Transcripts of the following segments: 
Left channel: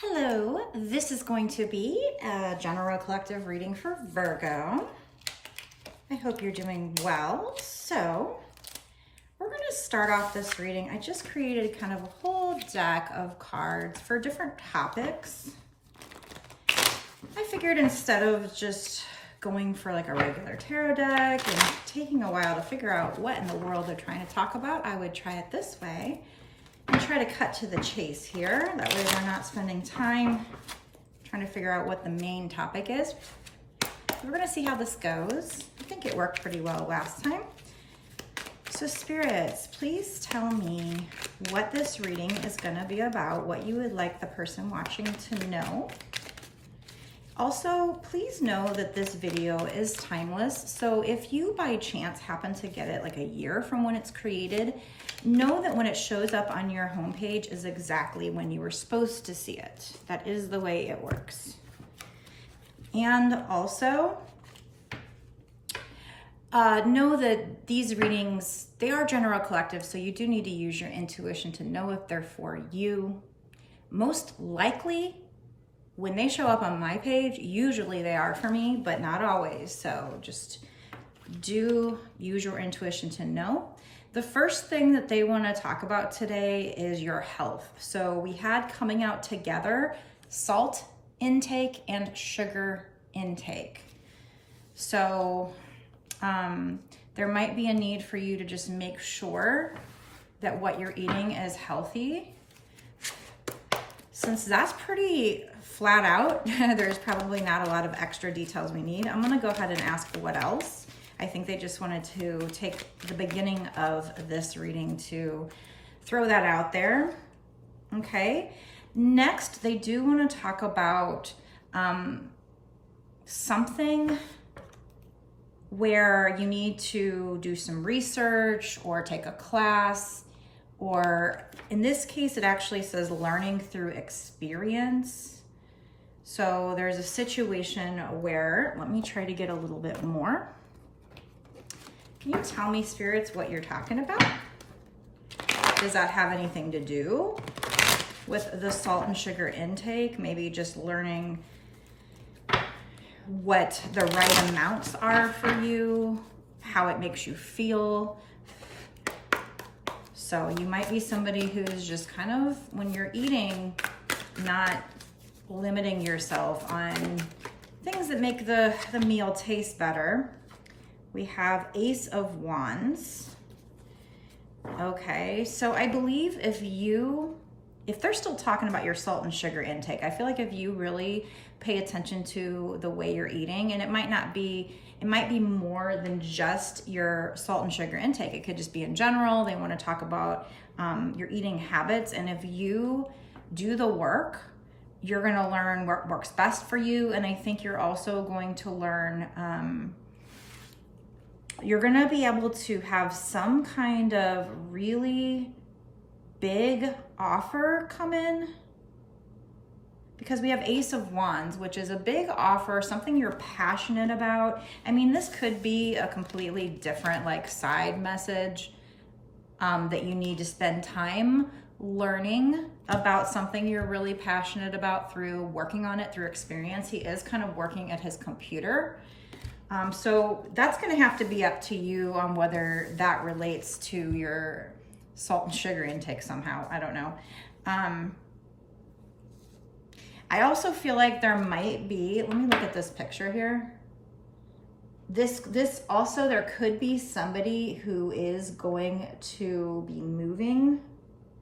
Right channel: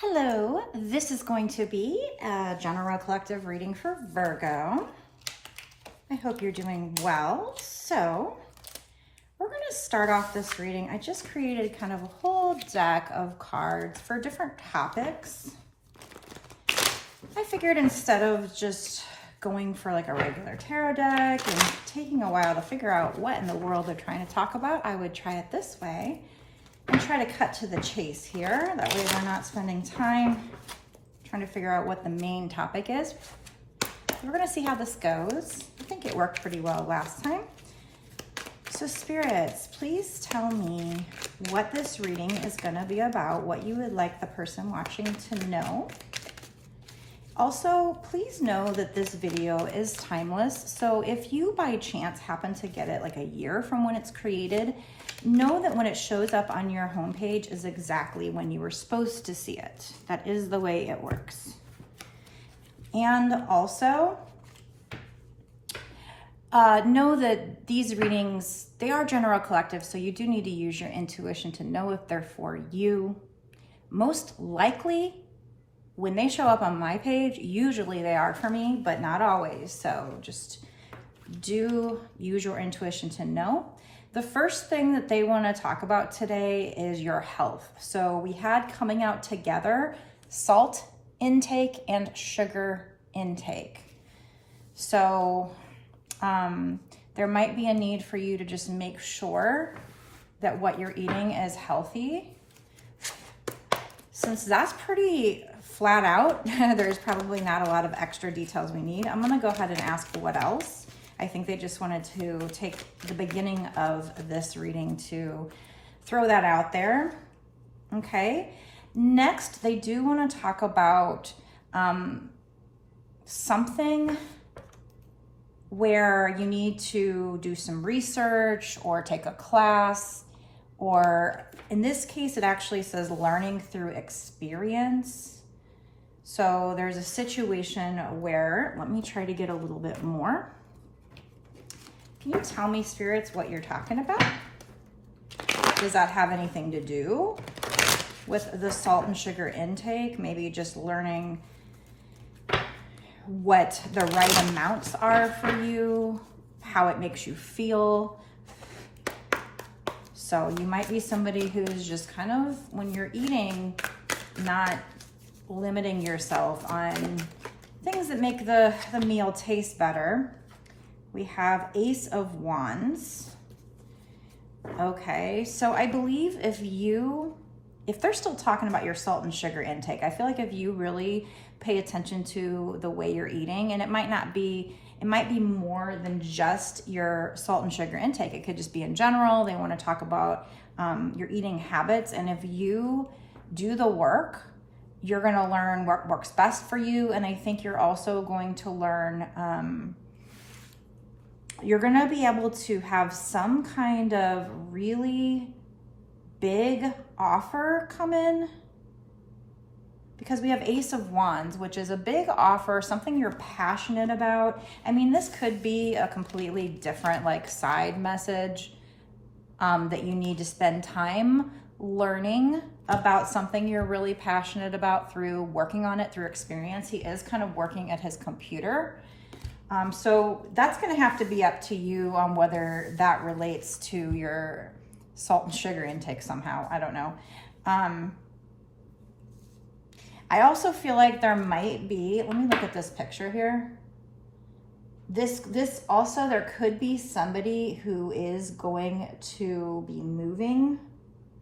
Hello, this is going to be a general collective reading for Virgo. I hope you're doing well. So we're going to start off this reading. I just created kind of a whole deck of cards for different topics. I figured instead of just going for like a regular tarot deck and taking a while to figure out what in the world they're trying to talk about, I would try it this way and try to cut to the chase here. That way we're not spending time trying to figure out what the main topic is. We're gonna see how this goes. I think it worked pretty well last time. So spirits, please tell me what this reading is gonna be about, what you would like the person watching to know. Also, please know that this video is timeless. So if you by chance happen to get it like a year from when it's created, know that when it shows up on your homepage is exactly when you were supposed to see it. That is the way it works. And also, know that these readings, they are general collective, so you do need to use your intuition to know if they're for you. Most likely, when they show up on my page, usually they are for me, but not always. So just do use your intuition to know. The first thing that they want to talk about today is your health. So we had coming out together, salt intake and sugar intake. So there might be a need for you to just make sure that what you're eating is healthy. Since that's pretty flat out, there's probably not a lot of extra details we need. I'm gonna go ahead and ask for what else. I think they just wanted to take the beginning of this reading to throw that out there. Okay, next they do want to talk about something where you need to do some research or take a class, or in this case it actually says learning through experience. So there's a situation where, let me try to get a little bit more. Can you tell me, spirits, what you're talking about? Does that have anything to do with the salt and sugar intake? Maybe just learning what the right amounts are for you, how it makes you feel. So you might be somebody who's just kind of, when you're eating, not limiting yourself on things that make the meal taste better. We have Ace of Wands. Okay, so I believe if they're still talking about your salt and sugar intake, I feel like if you really pay attention to the way you're eating, and it might be more than just your salt and sugar intake. It could just be in general. They want to talk about your eating habits. And if you do the work, you're going to learn what works best for you. And I think you're also going to learn, you're going to be able to have some kind of really big offer come in, because we have Ace of Wands, which is a big offer, something you're passionate about. I mean, this could be a completely different like side message that you need to spend time learning about something you're really passionate about through working on it through experience. He is kind of working at his computer. So that's going to have to be up to you on whether that relates to your salt and sugar intake somehow. I don't know. I also feel like there might be, let me look at this picture here. This also, there could be somebody who is going to be moving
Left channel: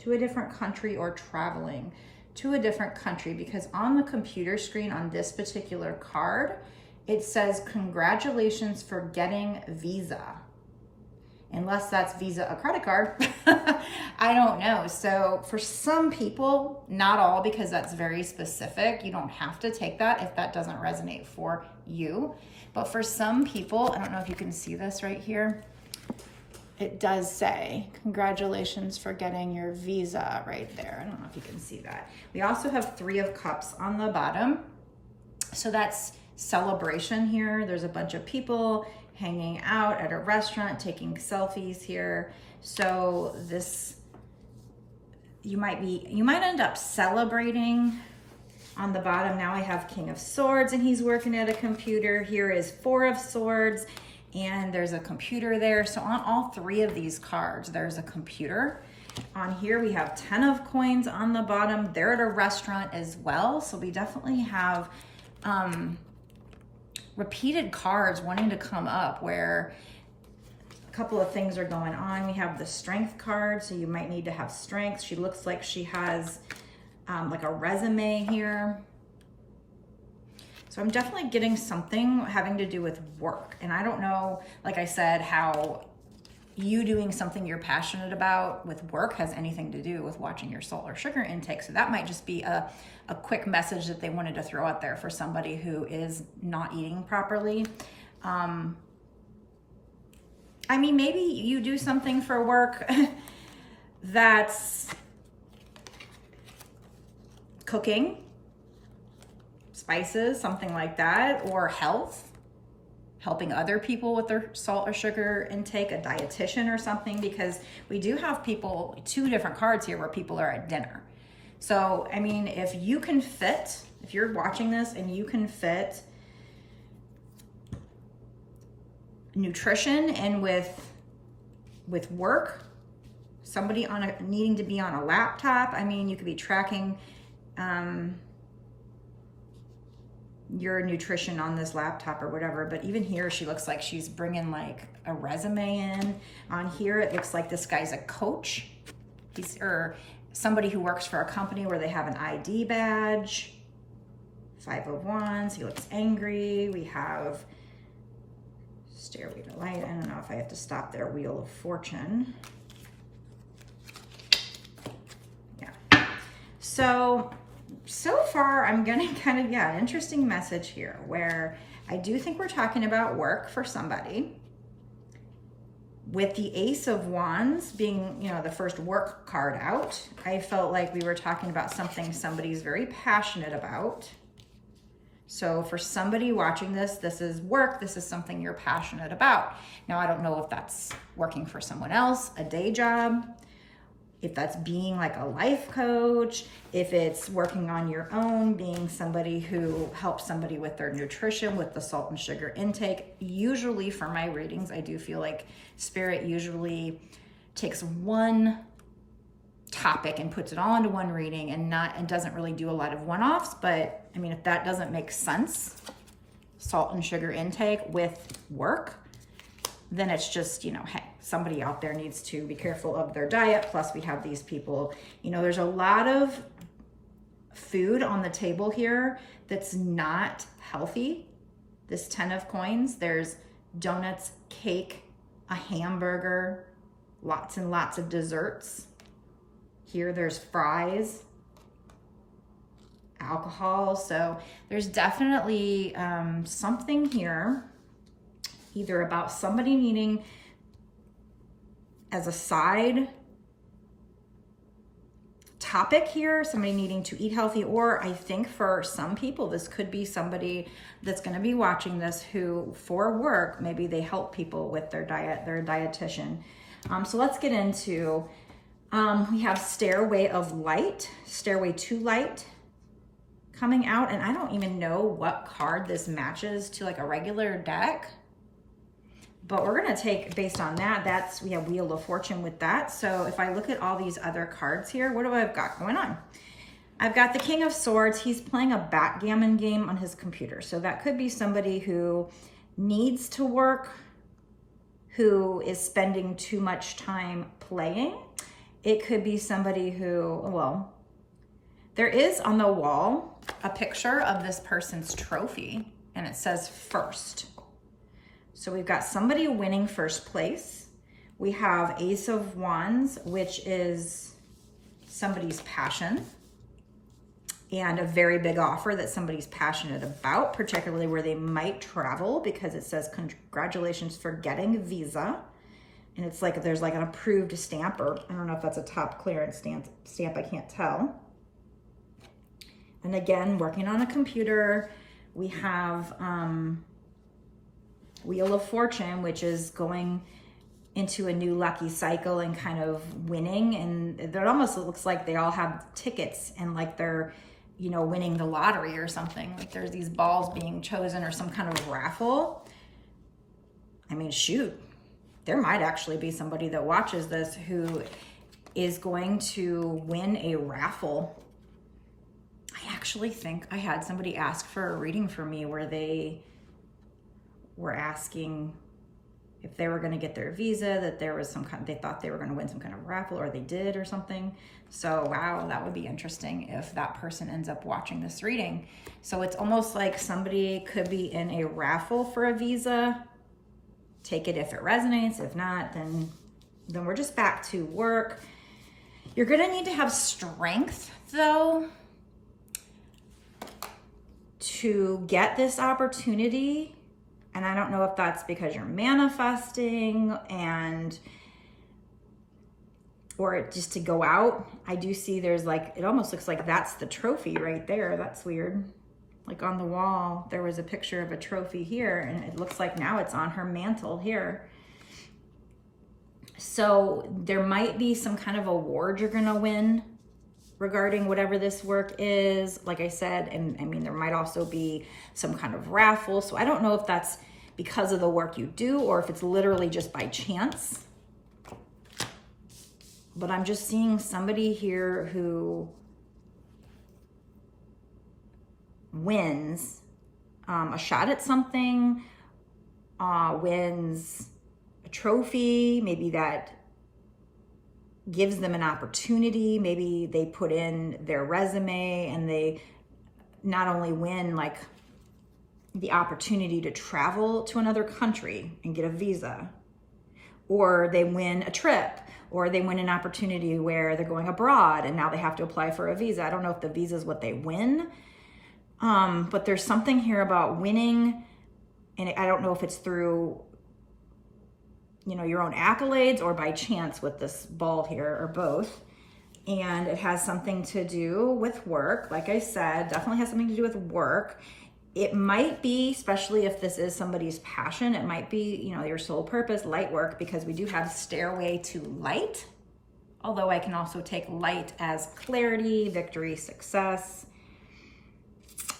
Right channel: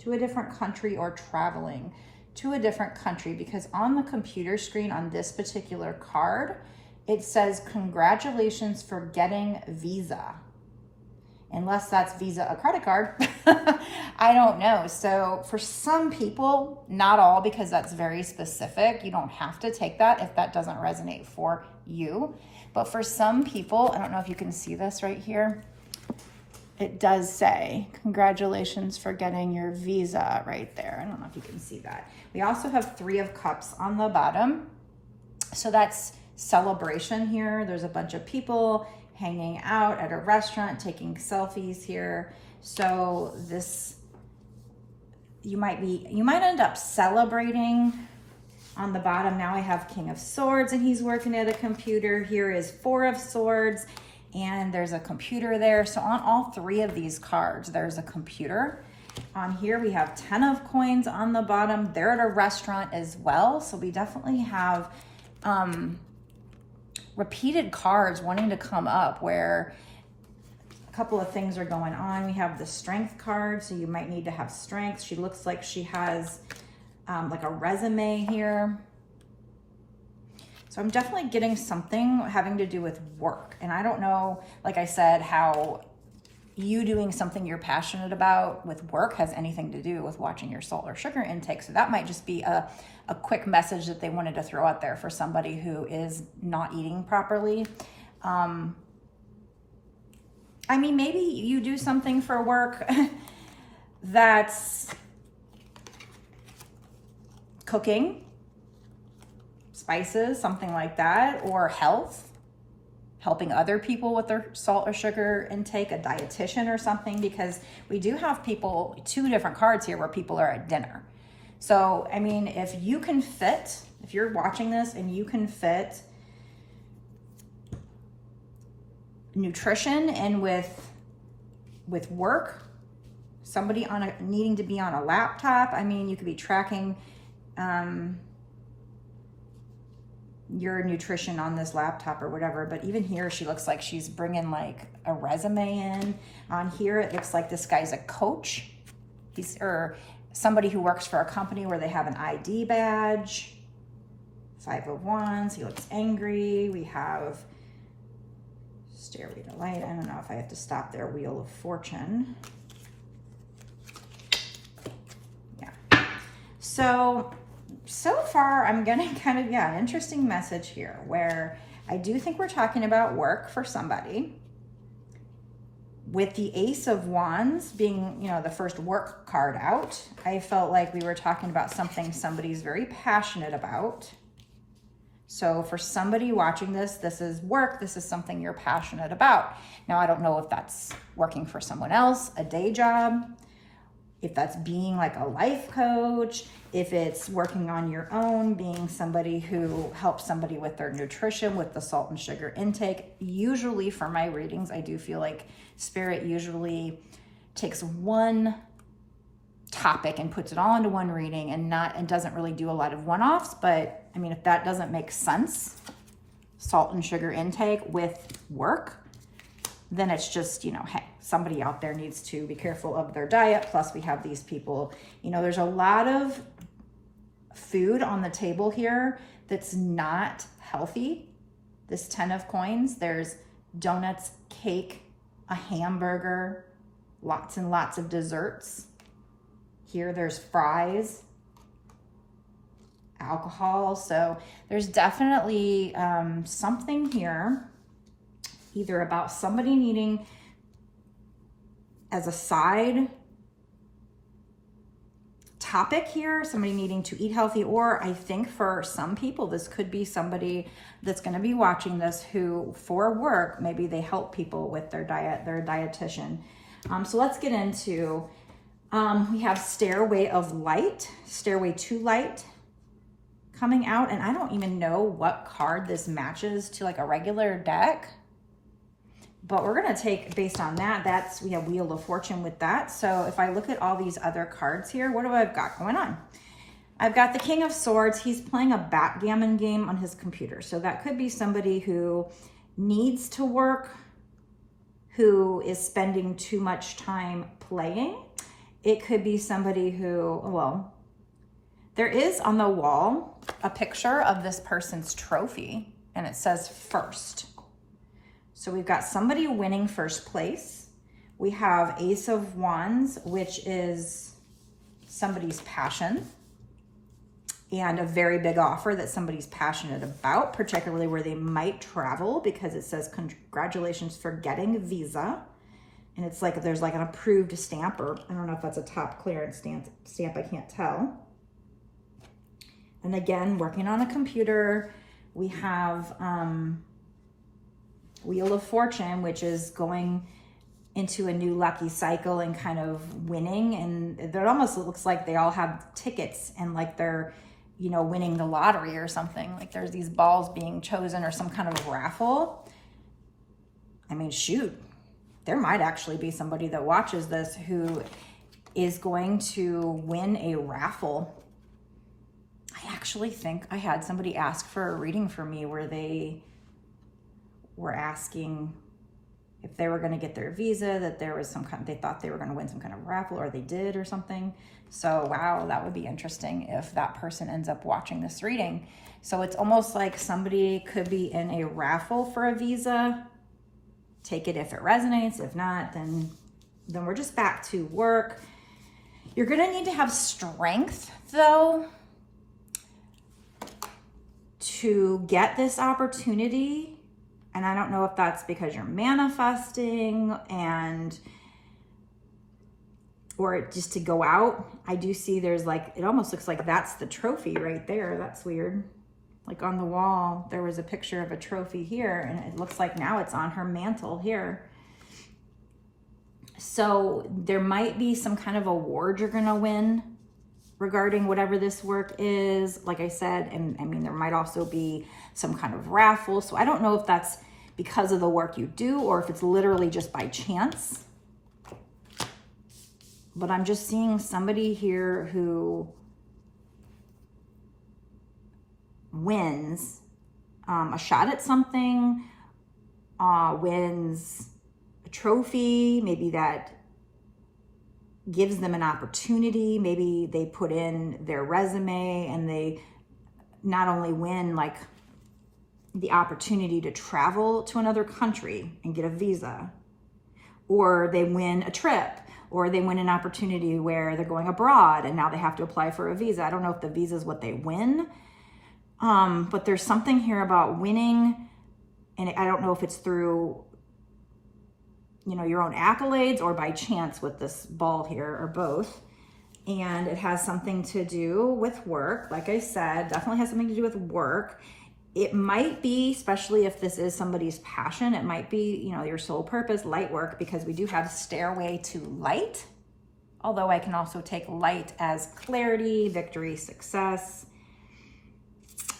to a different country or traveling to a different country, because on the computer screen on this particular card, it says, congratulations for getting visa. Unless that's Visa a credit card. I don't know. So for some people, not all, because that's very specific. You don't have to take that if that doesn't resonate for you. But for some people, I don't know if you can see this right here. It does say, congratulations for getting your visa right there. I don't know if you can see that. We also have 3 of Cups on the bottom. So that's celebration here. There's a bunch of people hanging out at a restaurant, taking selfies here. So this, you might end up celebrating On the bottom, now I have King of Swords and he's working at a computer. Here is Four of Swords and there's a computer there. So on all three of these cards, there's a computer. On here, we have 10 of Coins on the bottom. They're at a restaurant as well. So we definitely have repeated cards wanting to come up where a couple of things are going on. We have the Strength card, so you might need to have strength. She looks like she has like a resume here. So I'm definitely getting something having to do with work. And I don't know, like I said, how you doing something you're passionate about with work has anything to do with watching your salt or sugar intake. So that might just be a quick message that they wanted to throw out there for somebody who is not eating properly. I mean, maybe you do something for work that's cooking, spices, something like that, or health, helping other people with their salt or sugar intake, a dietitian or something, because we do have people, two different cards here where people are at dinner. So, I mean, if you can fit, if you're watching this and you can fit nutrition and with work, somebody needing to be on a laptop, I mean, you could be tracking your nutrition on this laptop or whatever. But even here, she looks like she's bringing like a resume in. On here, it looks like this guy's a coach. Or somebody who works for a company where they have an ID badge. 5 of Wands, he looks angry. We have Stairway to Light. I don't know if I have to stop there. Wheel of Fortune. Yeah. So far I'm getting kind of, an interesting message here where I do think we're talking about work for somebody. With the Ace of Wands being, the first work card out, I felt like we were talking about something somebody's very passionate about. So for somebody watching this, this is work. This is something you're passionate about. Now, I don't know if that's working for someone else, a day job, if that's being like a life coach, if it's working on your own, being somebody who helps somebody with their nutrition, with the salt and sugar intake. Usually for my readings, I do feel like Spirit usually takes one topic and puts it all into one reading and doesn't really do a lot of one-offs. But I mean, if that doesn't make sense, salt and sugar intake with work, then it's just, hey, somebody out there needs to be careful of their diet. Plus we have these people, there's a lot of food on the table here that's not healthy. This 10 of Coins, there's donuts, cake, a hamburger, lots and lots of desserts. Here there's fries, alcohol. So there's definitely something here, either about somebody needing as a side topic here, somebody needing to eat healthy, or I think for some people, this could be somebody that's going to be watching this who for work, maybe they help people with their diet, they're a dietitian. So let's get into, we have Stairway of Light, Stairway to Light coming out, and I don't even know what card this matches to like a regular deck. But we're going to take, based on that, we have Wheel of Fortune with that. So if I look at all these other cards here, what do I've got going on? I've got the King of Swords. He's playing a backgammon game on his computer. So that could be somebody who needs to work, who is spending too much time playing. It could be somebody who, well, there is on the wall a picture of this person's trophy, and it says first. So we've got somebody winning first place. We have Ace of Wands, which is somebody's passion and a very big offer that somebody's passionate about, particularly where they might travel, because it says congratulations for getting a visa. And it's like, there's like an approved stamp, or I don't know if that's a top clearance stamp, I can't tell. And again, working on a computer. We have Wheel of Fortune, which is going into a new lucky cycle and kind of winning. And it almost looks like they all have tickets and like they're you know, winning the lottery or something. Like there's these balls being chosen or some kind of raffle. I mean, shoot, there might actually be somebody that watches this who is going to win a raffle. I actually think I had somebody ask for a reading for me where they were asking if they were going to get their visa, that there was some kind, they thought they were going to win some kind of raffle, or they did or something. So wow, that would be interesting if that person ends up watching this reading. So it's almost like somebody could be in a raffle for a visa. Take it if it resonates. If not, then we're just back to work. You're going to need to have strength though to get this opportunity. And I don't know if that's because you're manifesting or just to go out. I do see there's like, it almost looks like that's the trophy right there. That's weird. Like on the wall, there was a picture of a trophy here, and it looks like now it's on her mantle here. So there might be some kind of award you're gonna win regarding whatever this work is, like I said. And I mean, there might also be some kind of raffle. So I don't know if that's because of the work you do or if it's literally just by chance. But I'm just seeing somebody here who wins a shot at something, wins a trophy, maybe that gives them an opportunity. Maybe they put in their resume and they not only win like the opportunity to travel to another country and get a visa, or they win a trip, or they win an opportunity where they're going abroad and now they have to apply for a visa. I don't know if the visa is what they win, but there's something here about winning, and I don't know if it's through, you know, your own accolades or by chance with this ball here, or both. And it has something to do with work. Like I said, definitely has something to do with work. It might be, especially if this is somebody's passion, it might be, you know, your sole purpose, light work, because we do have stairway to light. Although I can also take light as clarity, victory, success.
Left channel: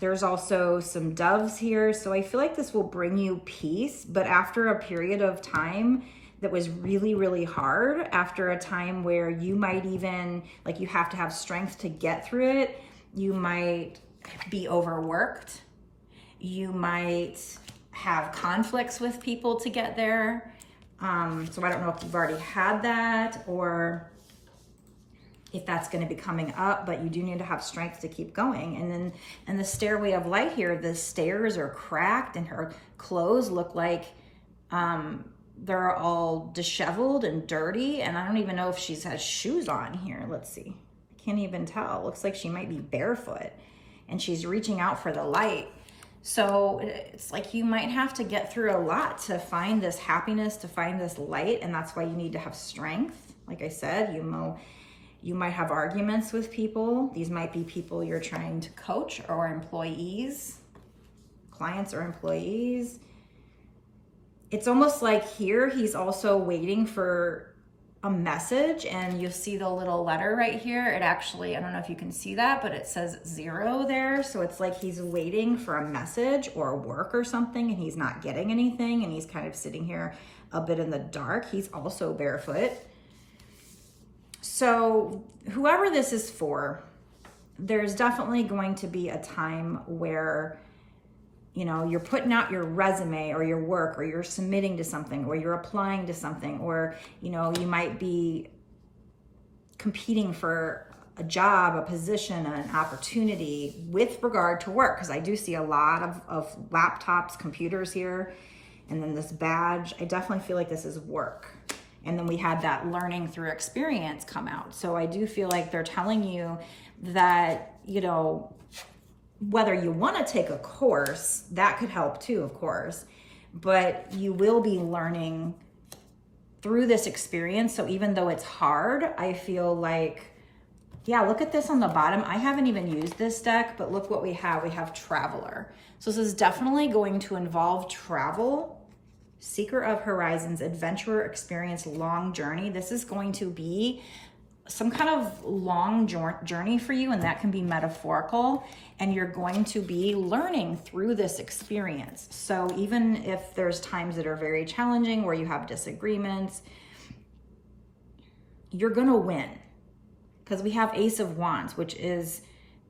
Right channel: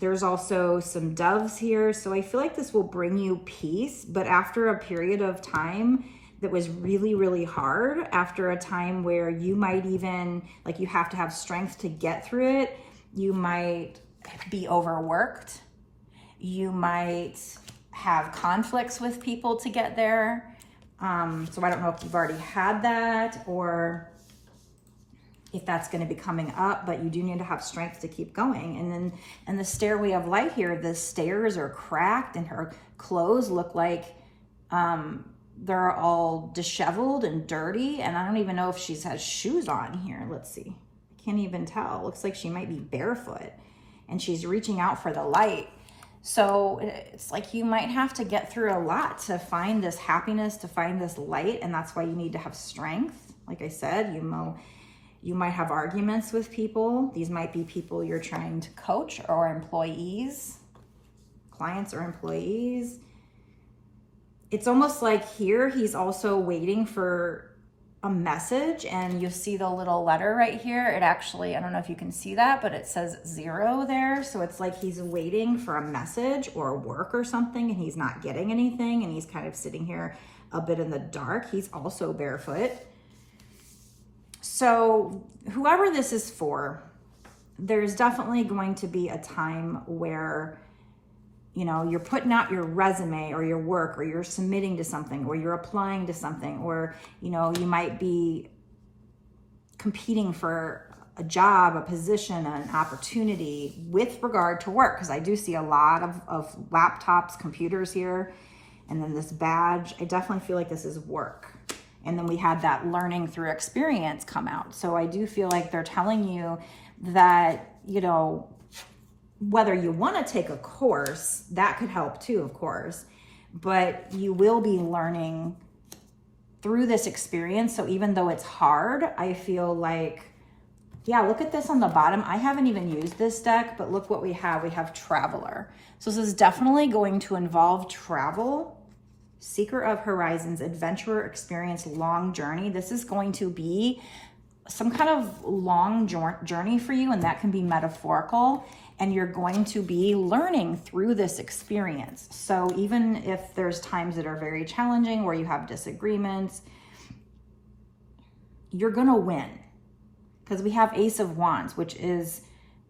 There's also some doves here. So I feel like this will bring you peace, but after a period of time that was really, really hard, after a time where you might even, like, you have to have strength to get through it. You might be overworked. You might have conflicts with people to get there. So I don't know if you've already had that or if that's going to be coming up, but you do need to have strength to keep going. And then in the stairway of light here, the stairs are cracked and her clothes look like they're all disheveled and dirty. And I don't even know if she's has shoes on here. Let's see. Can't even tell. Looks like she might be barefoot and she's reaching out for the light. So it's like you might have to get through a lot to find this happiness, to find this light. And that's why you need to have strength. Like I said, you might have arguments with people. These might be people you're trying to coach, or employees, clients or employees. It's almost like here he's also waiting for a message, and you'll see the little letter right here. It actually, I don't know if you can see that, but it says 0 there. So it's like he's waiting for a message or work or something, and he's not getting anything, and he's kind of sitting here a bit in the dark. He's also barefoot. So whoever this is for, there's definitely going to be a time where, you know, you're putting out your resume or your work, or you're submitting to something, or you're applying to something, or, you know, you might be competing for a job, a position, an opportunity with regard to work. Because I do see a lot of laptops, computers here, and then this badge. I definitely feel like this is work. And then we had that learning through experience come out. So I do feel like they're telling you that, you know, whether you want to take a course, that could help too, of course, but you will be learning through this experience. So even though it's hard, I feel like, yeah, look at this on the bottom. I haven't even used this deck, but look what we have. We have Traveler. So this is definitely going to involve travel. Seeker of Horizons, adventurer, experience, long journey. This is going to be some kind of long journey for you, and that can be metaphorical, and you're going to be learning through this experience. So even if there's times that are very challenging where you have disagreements, you're gonna win, because we have Ace of Wands, which is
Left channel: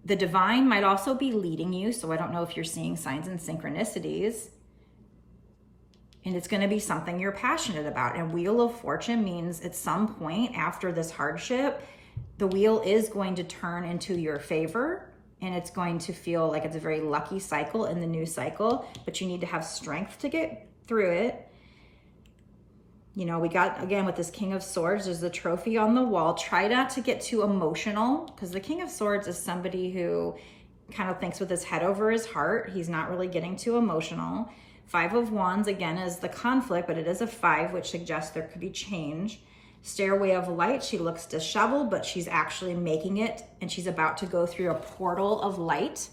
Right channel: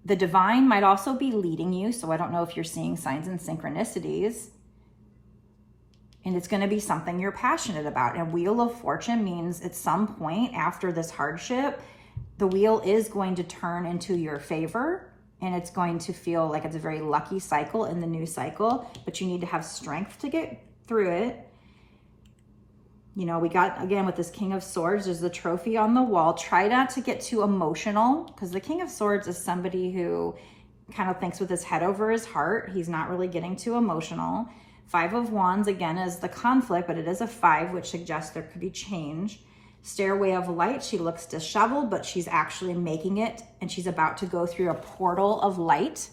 the divine might also be leading you. So I don't know if you're seeing signs and synchronicities, and it's going to be something you're passionate about. And Wheel of Fortune means at some point after this hardship, the wheel is going to turn into your favor, and it's going to feel like it's a very lucky cycle in the new cycle, but you need to have strength to get through it. You know, we got, again, with this King of Swords, there's the trophy on the wall. Try not to get too emotional, because the King of Swords is somebody who kind of thinks with his head over his heart. He's not really getting too emotional. Five of Wands, again, is the conflict, but it is a 5, which suggests there could be change. Stairway of Light, she looks disheveled, but she's actually making it, and she's about to go through a portal of light.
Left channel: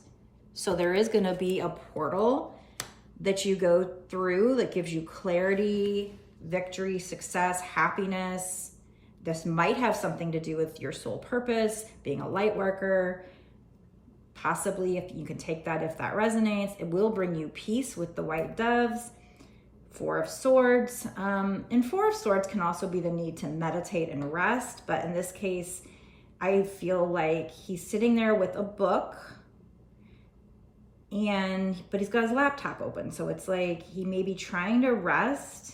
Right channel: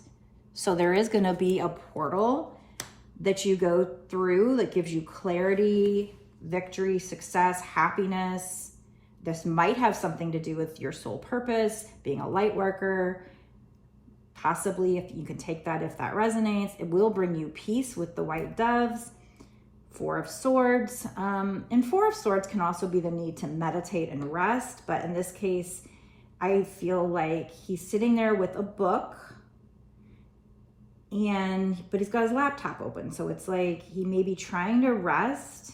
So there is going to be a portal that you go through that gives you clarity, victory, success, happiness. This might have something to do with your soul purpose, being a light worker. Possibly, if you can take that, if that resonates, it will bring you peace with the white doves. 4 of Swords. And 4 of Swords can also be the need to meditate and rest. But in this case, I feel like he's sitting there with a book, but he's got his laptop open. So it's like he may be trying to rest.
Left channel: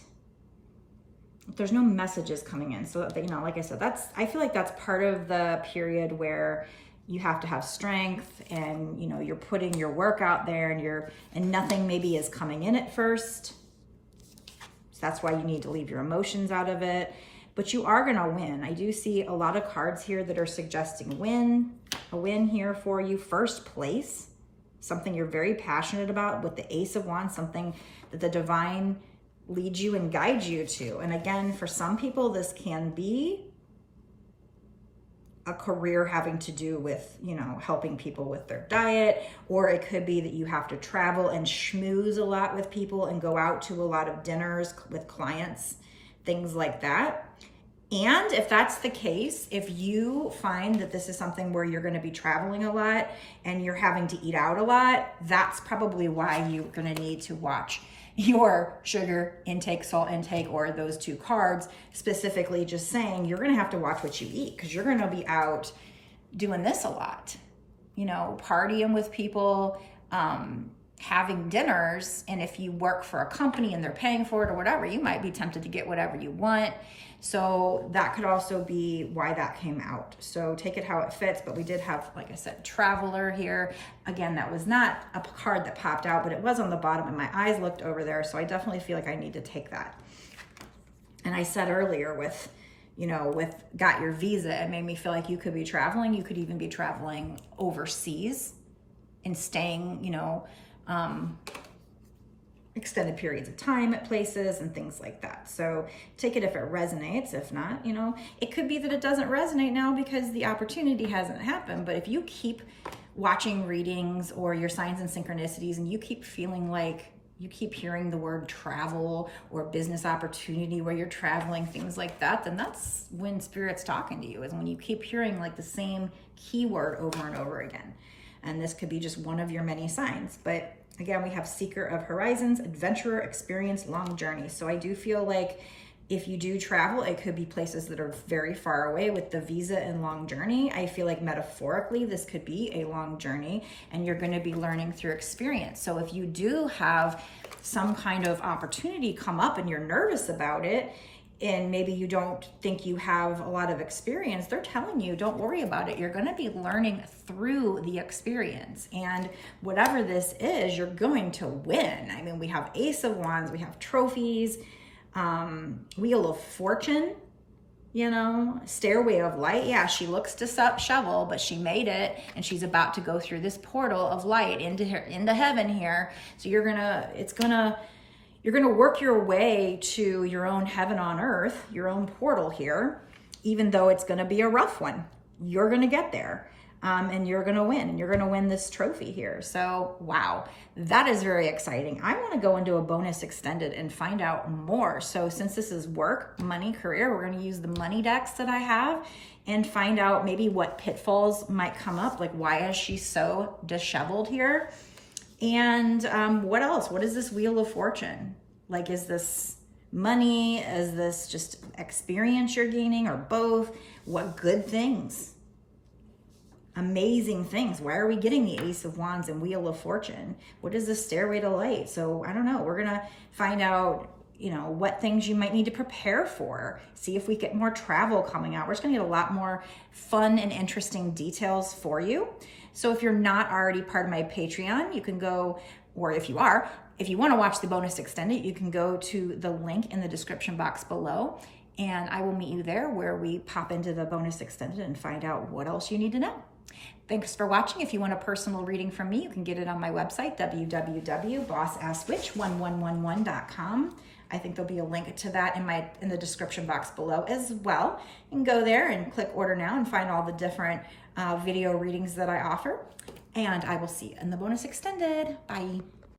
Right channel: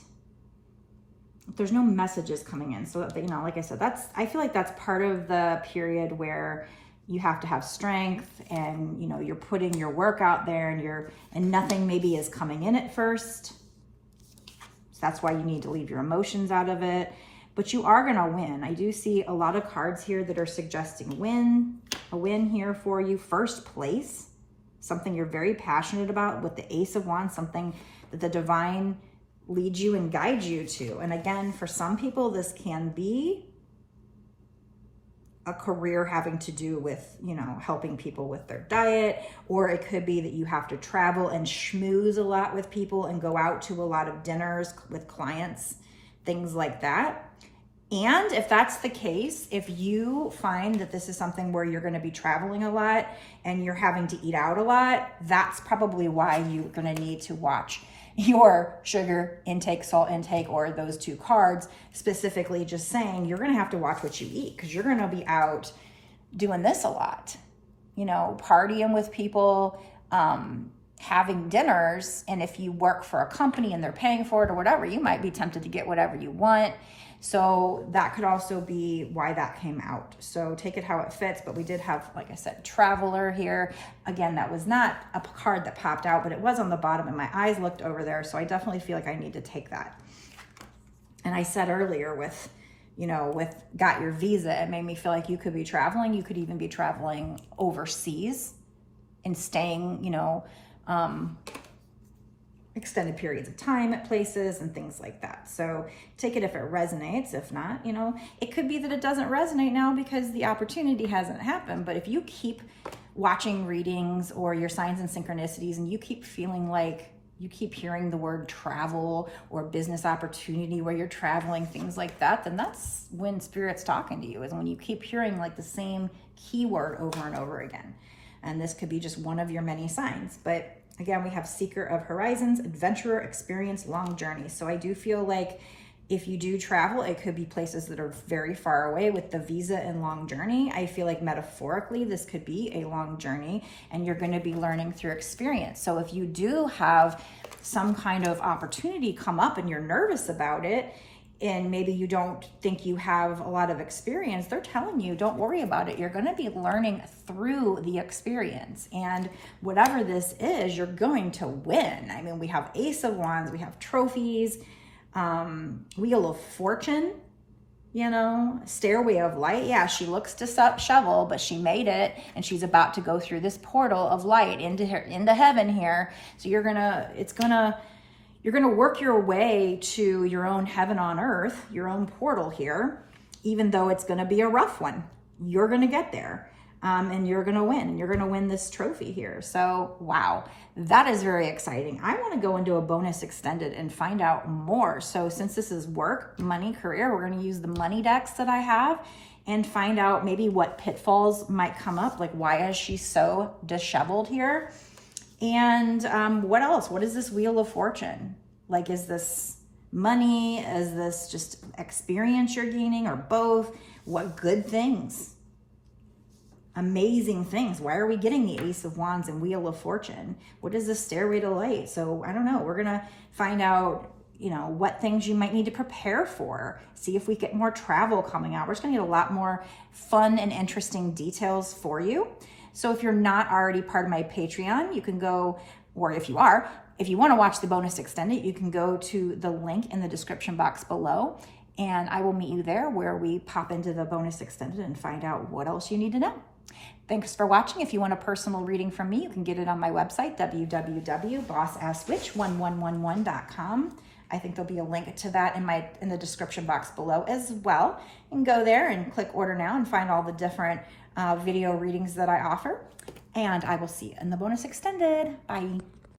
There's no messages coming in. So, you know, like I said, I feel like that's part of the period where you have to have strength, and, you know, you're putting your work out there, and nothing maybe is coming in at first. So that's why you need to leave your emotions out of it, but you are going to win. I do see a lot of cards here that are suggesting a win here for you. First place, something you're very passionate about with the Ace of Wands, something that the divine lead you and guide you to. And again, for some people, this can be a career having to do with, you know, helping people with their diet, or it could be that you have to travel and schmooze a lot with people and go out to a lot of dinners with clients, things like that. And if that's the case, if you find that this is something where you're going to be traveling a lot and you're having to eat out a lot, that's probably why you're going to need to watch your sugar intake, salt intake, or those 2 cards, specifically just saying you're going to have to watch what you eat, because you're going to be out doing this a lot, you know, partying with people, having dinners. And if you work for a company and they're paying for it or whatever, you might be tempted to get whatever you want. So that could also be why that came out. So take it how it fits. But we did have, like I said, Traveler here. Again, that was not a card that popped out, but it was on the bottom and my eyes looked over there. So I definitely feel like I need to take that. And I said earlier with, you know, with got your visa, it made me feel like you could be traveling. You could even be traveling overseas and staying, you know, extended periods of time at places and things like that. So take it if it resonates. If not, you know, it could be that it doesn't resonate now because the opportunity hasn't happened. But if you keep watching readings or your signs and synchronicities, and you keep feeling like you keep hearing the word travel or business opportunity where you're traveling, things like that, then that's when Spirit's talking to you, is when you keep hearing like the same keyword over and over again. And this could be just one of your many signs. But again, we have Seeker of Horizons, Adventurer, Experience, Long Journey. So I do feel like if you do travel, it could be places that are very far away with the visa and long journey. I feel like metaphorically, this could be a long journey and you're going to be learning through experience. So if you do have some kind of opportunity come up and you're nervous about it, and maybe you don't think you have a lot of experience, they're telling you, don't worry about it. You're going to be learning through the experience. And whatever this is, you're going to win. I mean, we have Ace of Wands, we have trophies, Wheel of Fortune, you know, Stairway of Light. Yeah, she looks disheveled, but she made it, and she's about to go through this portal of light into heaven here. So you're going to work your way to your own heaven on earth, your own portal here, even though it's going to be a rough one. You're going to get there, and you're going to win, and you're going to win this trophy here. So, wow, that is very exciting. I want to go into a bonus extended and find out more. So since this is work, money, career, we're going to use the money decks that I have. and find out maybe what pitfalls might come up. Like, why is she so disheveled here? And what else? What is this Wheel of Fortune? Like, is this money? Is this just experience you're gaining, or both? What good things? Amazing things. Why are we getting the Ace of Wands and Wheel of Fortune? What is the Stairway to Light? So I don't know. We're going to find out, you know, what things you might need to prepare for. See if we get more travel coming out. We're just going to get a lot more fun and interesting details for you. So if you're not already part of my Patreon, you can go, or if you are, if you want to watch the bonus extended, you can go to the link in the description box below, and I will meet you there where we pop into the bonus extended and find out what else you need to know. Thanks for watching. If you want a personal reading from me, you can get it on my website, www.bossaskWitch1111.com. I think there'll be a link to that in the description box below as well. And go there and click order now and find all the different video readings that I offer. And I will see you in the bonus extended. Bye.